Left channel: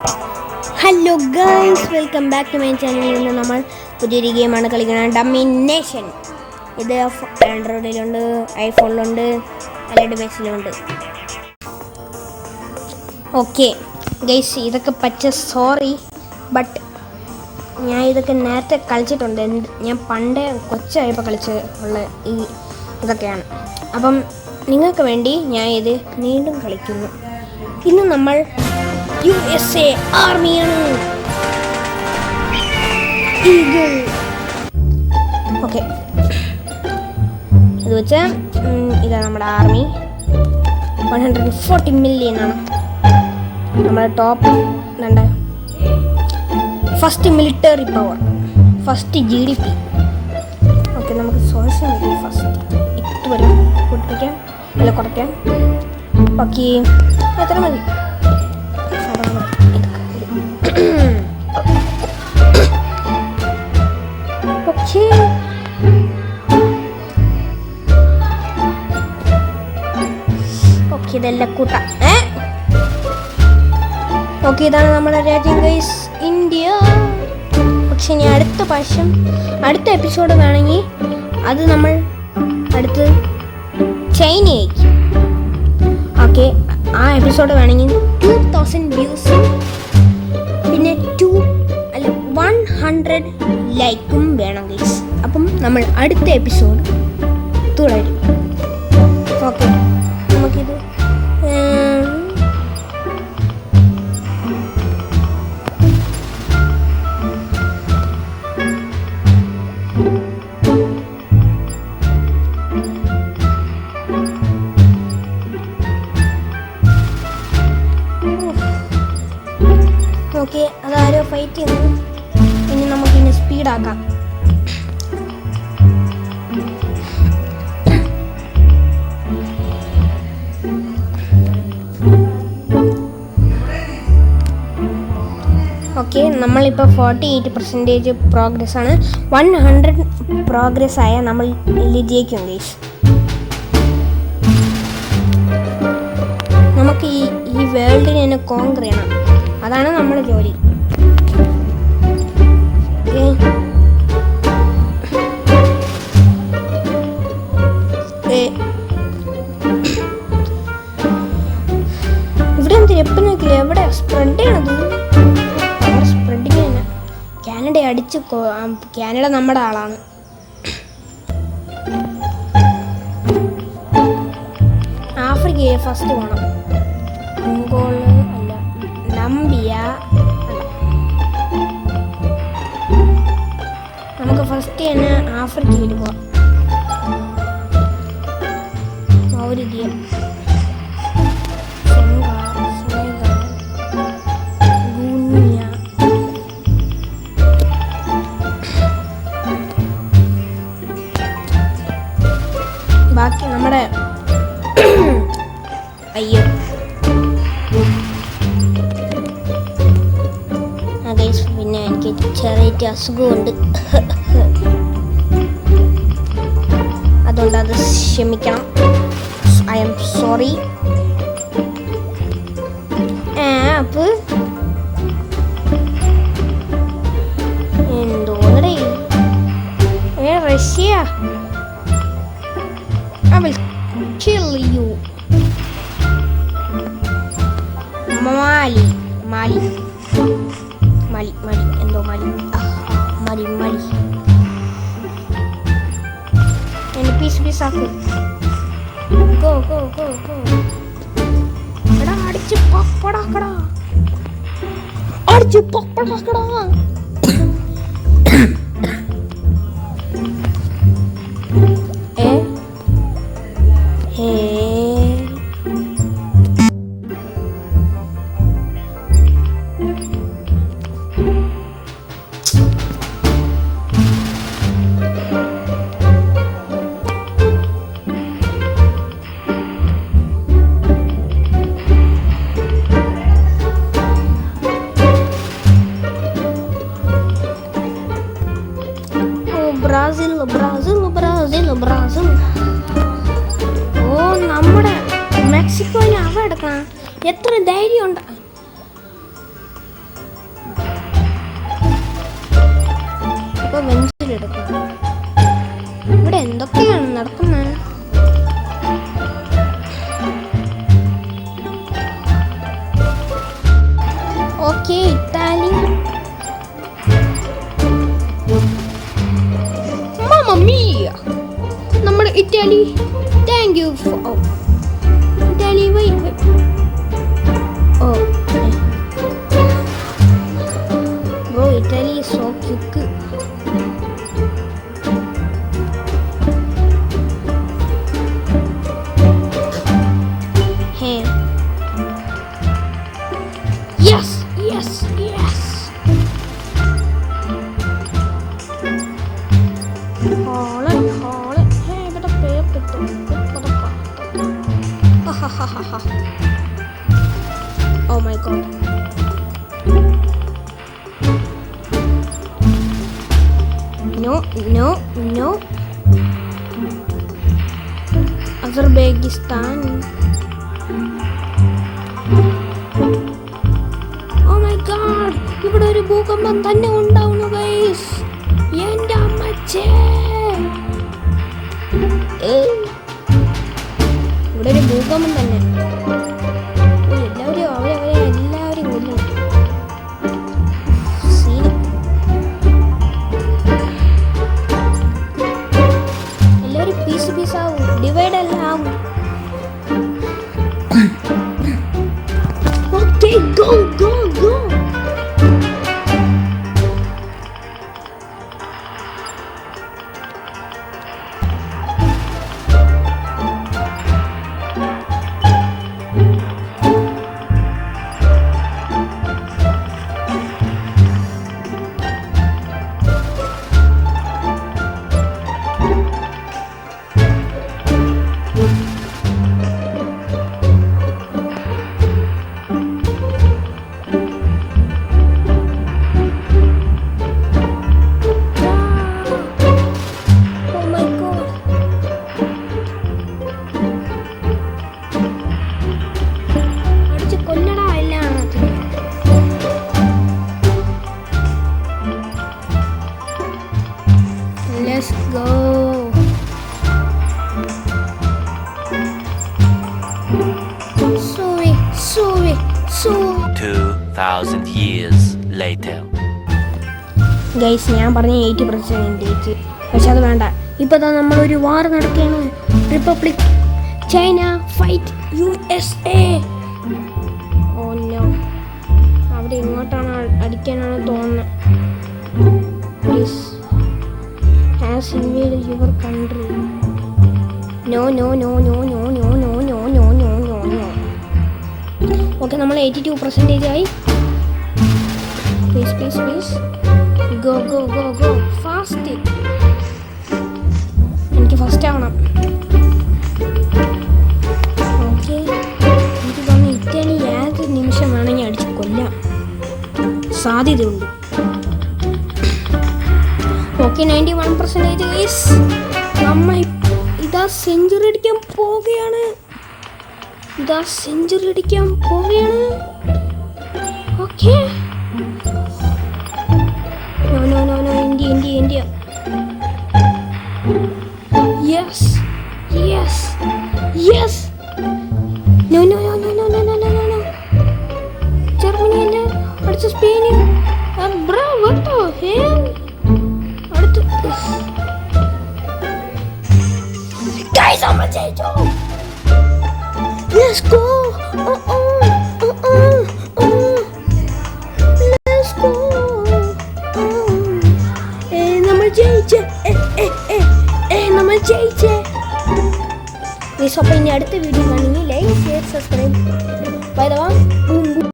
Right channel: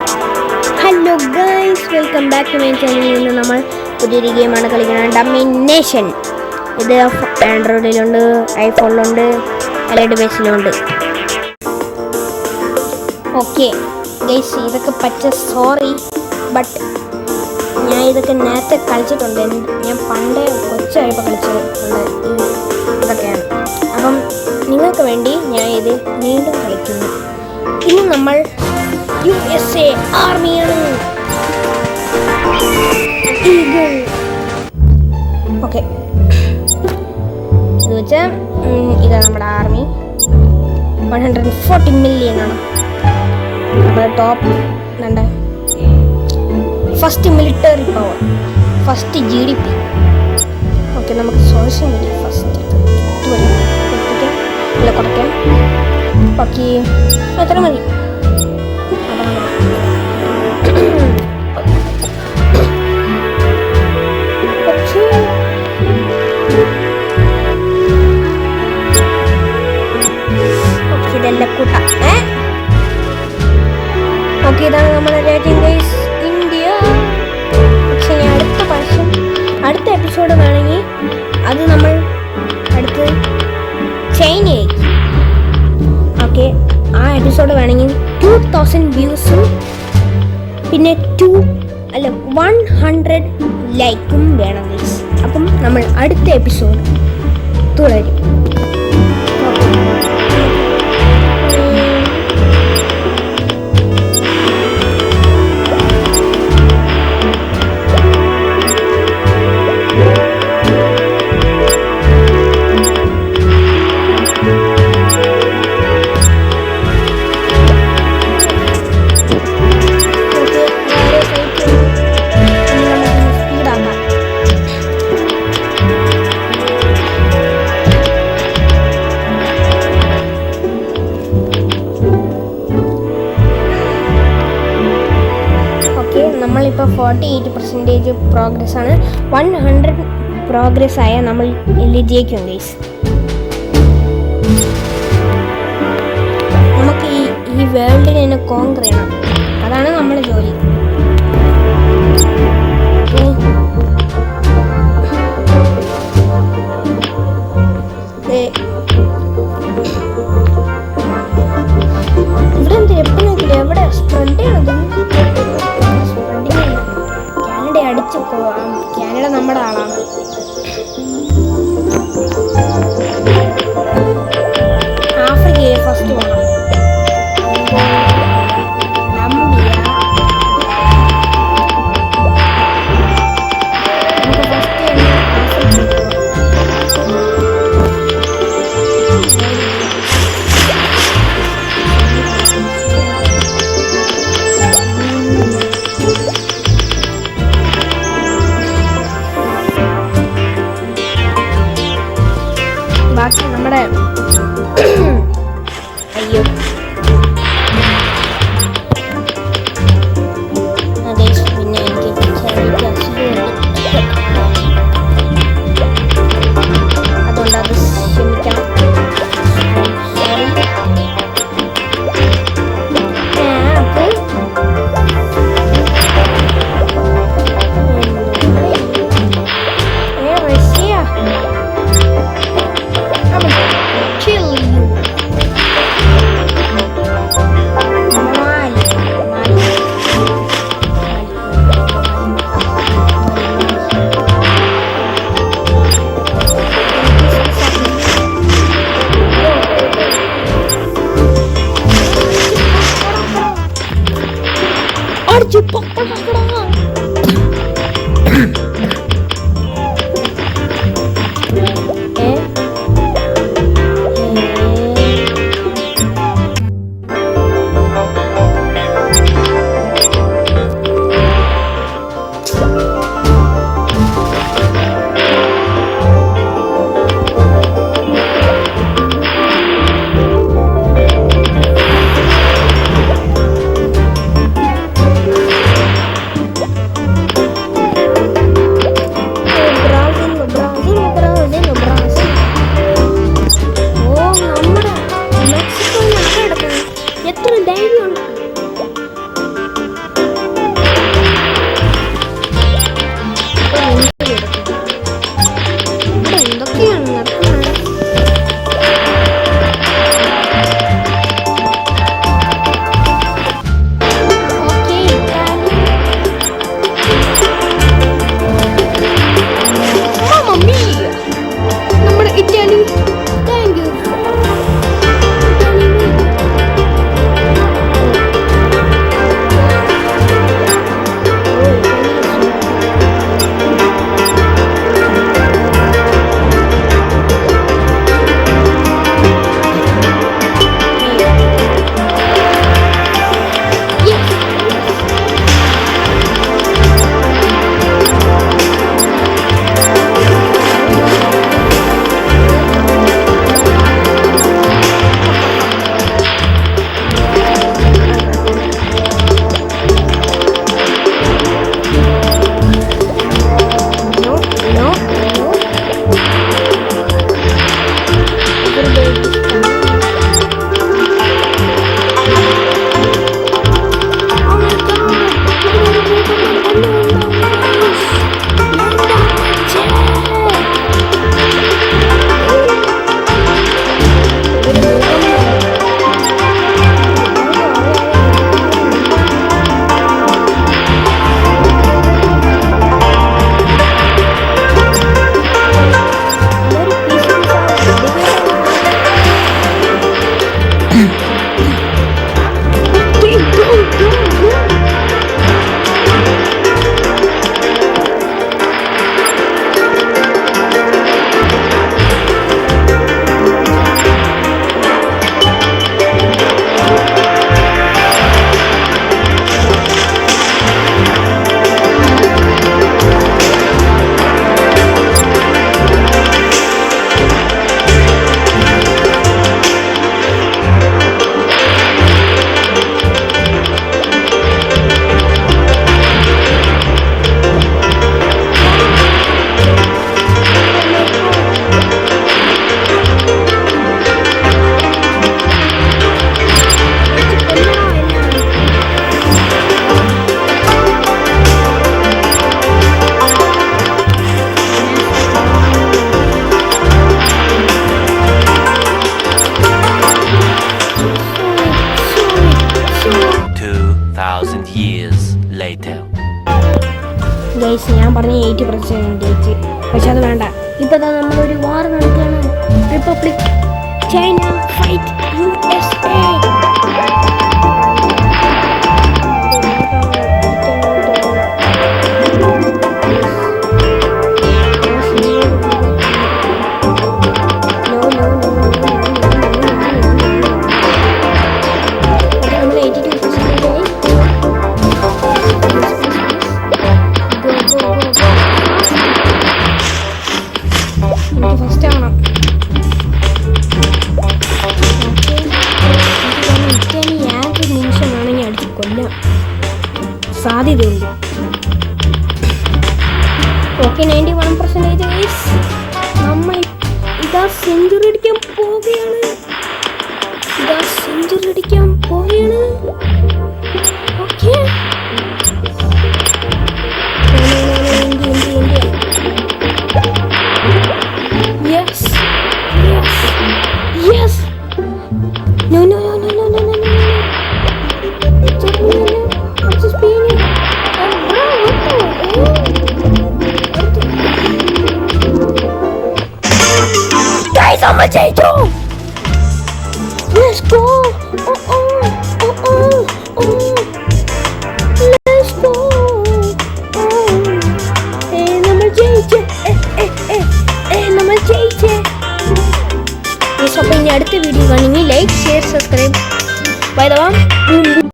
Hello guys, welcome back to my channel. ഇന്ന് നമ്മൾ പുതിയൊരു ഗെയിമാണ് കളിക്കുന്നത്, ഡൊമിനേഷൻ. ഇത് ആൻഡ്രോയിഡിലുണ്ട്, ഐഫോണിലുണ്ട്, എല്ലാ ഡിവൈസിലുണ്ട്. ഓക്കെ ഗൈസ്, ഇതൊക്കെ പച്ച സോറി, ബട്ട് ഞാൻ ഇതൊക്കെ നേരത്തെ കളിച്ചിട്ടുണ്ട്. ഞാൻ പണ്ടേ കൊച്ചായപ്പോൾ കളിച്ചിട്ടുള്ള ഇതൊക്കെയാണ്. അപ്പം നിങ്ങൾക്ക് വേണ്ടി ഞാൻ ഇത് വീണ്ടും കളിക്കുന്നു. ഇന്ന് നമ്മൾ USA ആർമിയാണ്. ഓക്കെ, ഇത് വെച്ചാൽ ഇതാണ് നമ്മുടെ ആർമി. 140 മില്യൺ ആണ് നമ്മുടെ top. First military power, first GDP. Okay, നമുക്ക് സോഷ്യൽ മീഡിയ ഫസ്റ്റ് ഇതുവരെ പൊട്ടിക്കാം, അല്ല കുറയ്ക്കാം. ബാക്കി എത്ര മതി? ഇതെല്ലാം കൂട്ടാം. ഓക്കെ, ഇതാണ് നമ്മുടെ രാജ്യം ഗൈസ്, ഇന്ത്യ. പക്ഷെ ഞാൻ അടുത്ത എപ്പിസോഡ് വേണമെങ്കിൽ അത് നമ്മൾ അടുത്ത് ചൈനയായിരിക്കും. ഓക്കെ, ആ എപ്പിസോഡ് വേണമെങ്കിൽ 2000 വ്യൂസും പിന്നെ 100 ലൈക്കും വേണം ഗൈസ്. അപ്പം നമ്മൾ അടുത്ത എപ്പിസോഡ് തുടരും. ഓക്കെ, നമ്മളിപ്പോൾ 48% പ്രോഗ്രസ് ആണ്. 100 പ്രോഗ്രസ് ആയാൽ നമ്മൾ ജയിക്കും ഗൈസ്. നമുക്ക് ഈ വേൾഡിനെ തന്നെ കോങ്കർ ചെയ്യണം, അതാണ് നമ്മുടെ ജോലി. ഇവിടെ എന്ത് എപ്പോൾ നോക്കില്ല, എവിടെ സ്പ്രെഡ് ചെയ്യണത്? അടിച്ച് കാനഡ നമ്മുടെ ആളാണ്. ആഫ്രിക്കയിൽ ഫസ്റ്റ് പോകണം. നമ്പിയ നമുക്ക് ഫസ്റ്റ് തന്നെ ആഫ്രിക്കയിൽ പോകാം. ബാക്കി നമ്മുടെ അയ്യോ പിന്നെ എനിക്ക് ചെറിയ അസുഖമുണ്ട്, അതുകൊണ്ട് അത് ക്ഷമിക്കണം. I am sorry. അപ്പോൾ എന്തോടെ Russia, I will kill you. Mali. എത്ര ധൈര്യമുണ്ട്. years later. ഗൈസ് ഞാൻ പറഞ്ഞ 80% പക്ഷെ അത് വേണ്ട. ഇപ്പോൾ നമ്മളൊരു വാർ നടക്കുകയാണ്. Republic China fight USA. Okay നമ്മൾ 82% ആയി. Go, go, go, go. Fast. എനിക്ക് ഫസ്റ്റ് ആവണം. ഓക്കെ എനിക്ക് തോന്നുന്നു ഇറ്റാലി ഏതൊരു നിമിഷം വേണമെങ്കിൽ അടിച്ച് കൊല്ലാം സാധ്യതയുണ്ട്. ഓക്കെ 91%. നമ്മൾ ഇതാ സെഞ്ചുറി അടിക്കാൻ പോവുകയാണ്. Okay India. Yes. No. Germany അല്ല, അടുത്ത Spain. Bro, what the hell? Guys, I'm a potato. Let's go. Let's go. നമ്മൾ ജയിച്ചേ. അപ്പോൾ ഇനി അടുത്ത വീഡിയോ കാണുമെങ്കിൽ like share subscribe. By the way.